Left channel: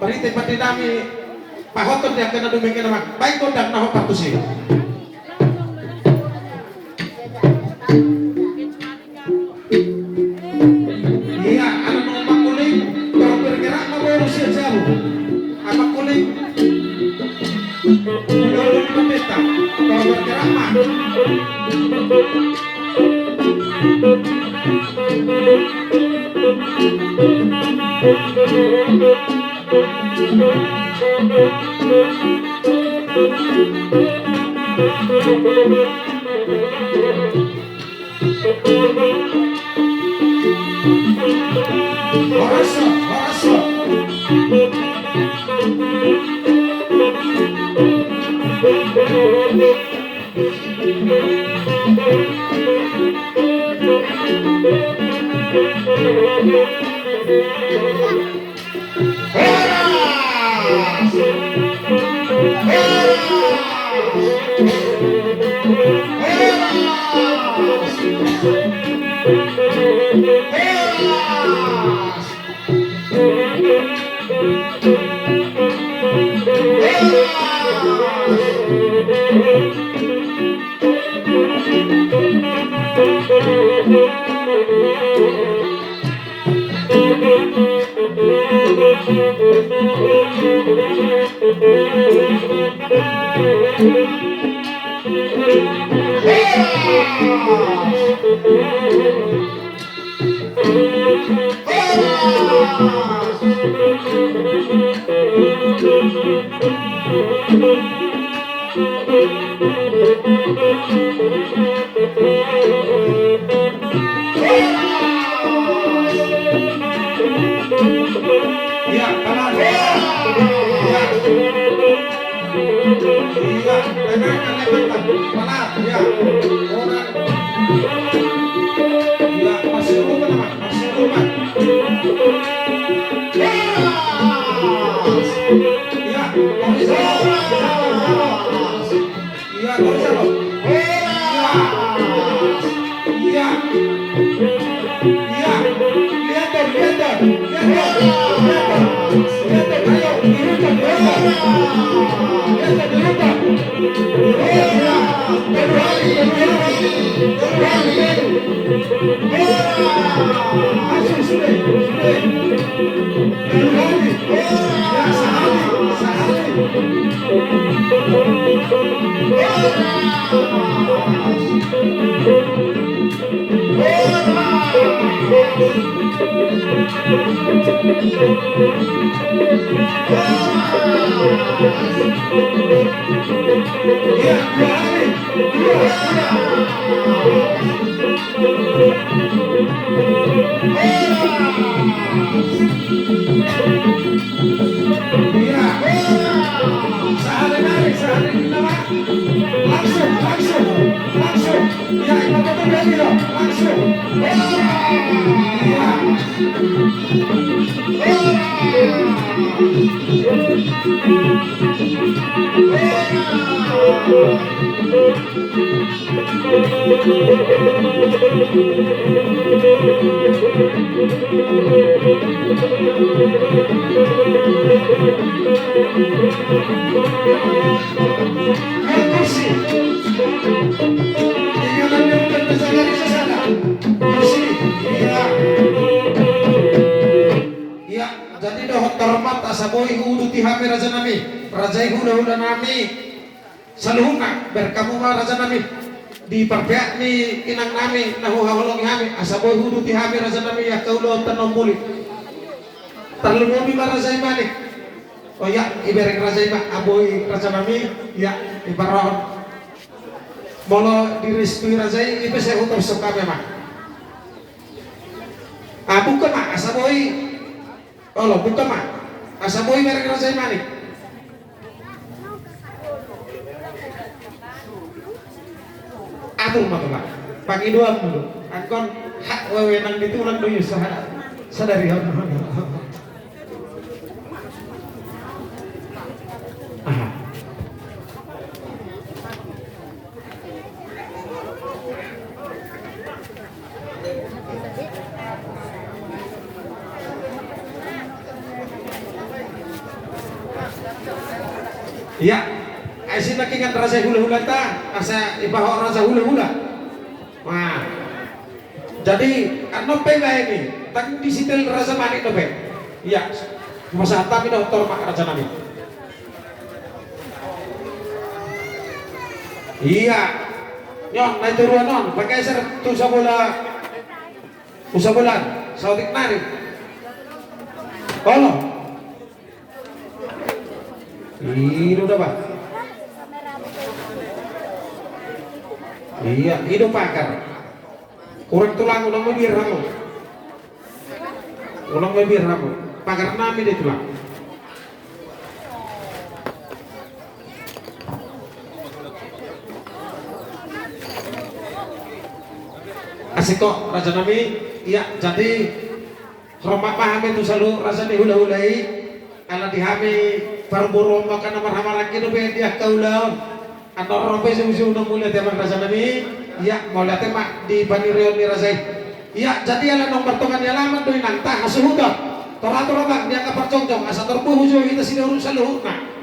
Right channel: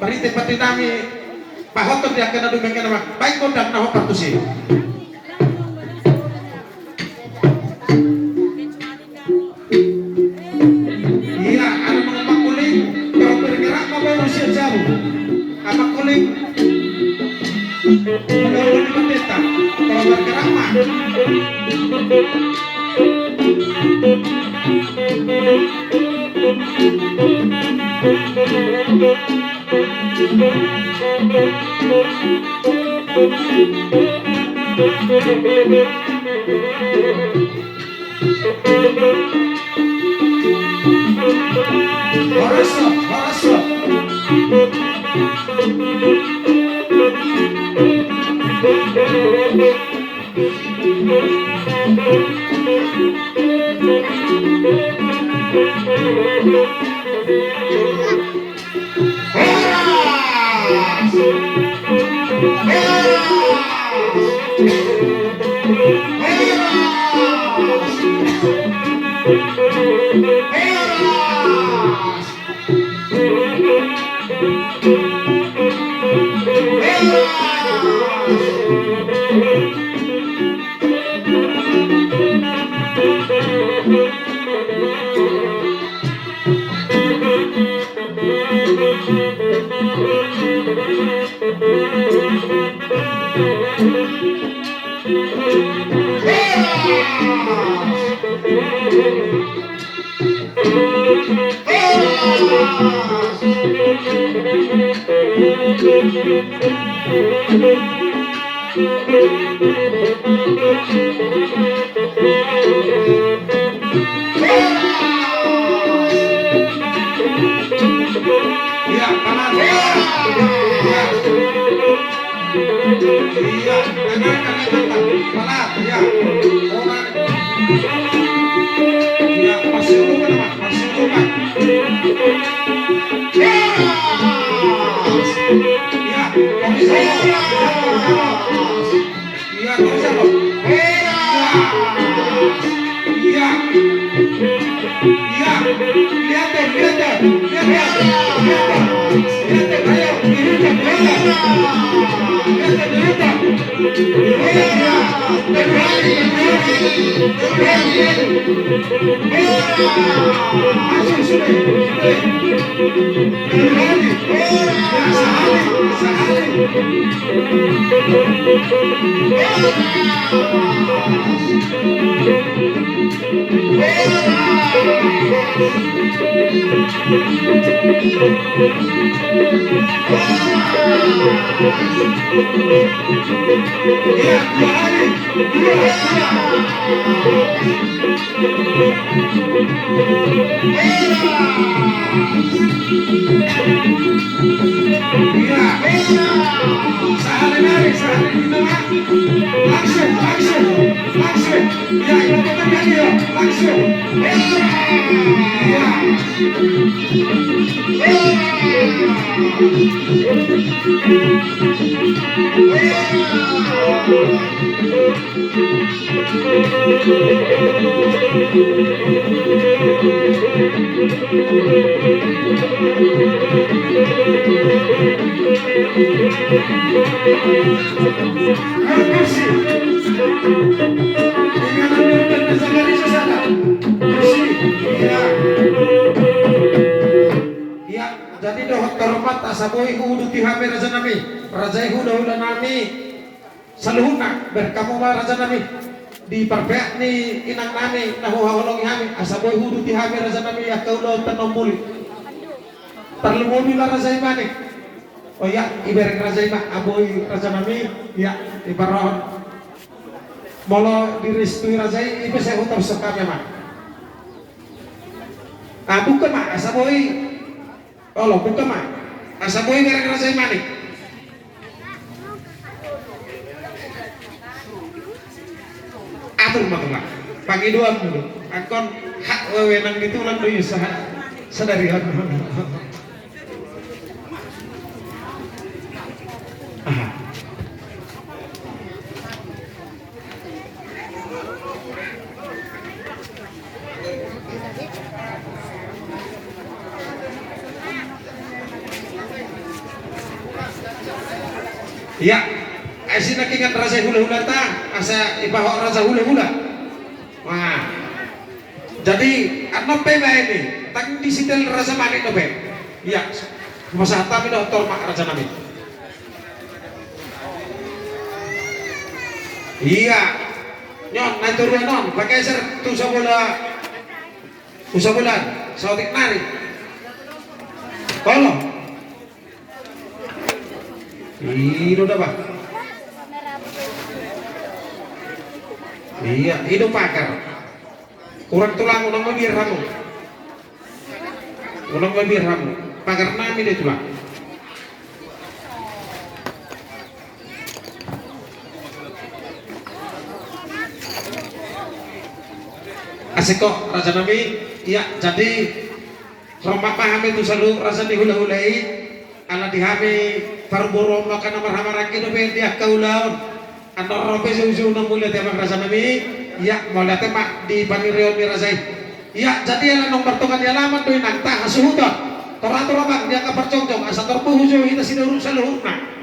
Bari tempat dinami pahotot dia kena dumeng kena mak. Baik kau dan naho patusi. Iya, ada mga makuling kalau bergerak mau usia jauh. Apa kuling? Kalau bergerak kalau bergerak mah. Harus. Di perbeak ni inang nami nahu hawalong hami asaboy hudu ti hami raza nami ya kaulo tanomuli talungomi ba raza imani oh ya iberek raza ima aboy raza nami ya ibaron molo diristui raza ibe saya utar soka memang bukan mak asaboy oh bukan mak asaboy iberek raza imani atur mah pangiduan dulu akon hak wewenang itu lan deui sadarihan Iya, asin nakingat rasa hula-hula ta, asa ibaho rasa hula-hula. Wah, jadi ano pela ini, tang disitel rasa manik na pe. Iya, masa tapi doktor mak rasa namin. Iya, nyon naik turuan non, pakai ser tu usabulan, sautik nari. Kalau, ini udah pak. Iya, hidup pakar. Kurang tulang ulang mabir ramu. Ulang mabir ramu. Pakar nami dia tulang. Asik kok Raja Nabi. Iya, jadi Roma paham itu selalu rasa dihula-hulai. Ala dihami karburo makan nomor hamaraki no be dia kaulaon. Atau robe susu nang mulia dia rasa Nabi. Iya, mau lihat mak di pangirion ni rasai. Iya, jadi ala nong bertongan dia alamat tuh nang tah asuhuda. Torator bang dia kaparcongcong asa terpuhu jo kita sini urus saluhna.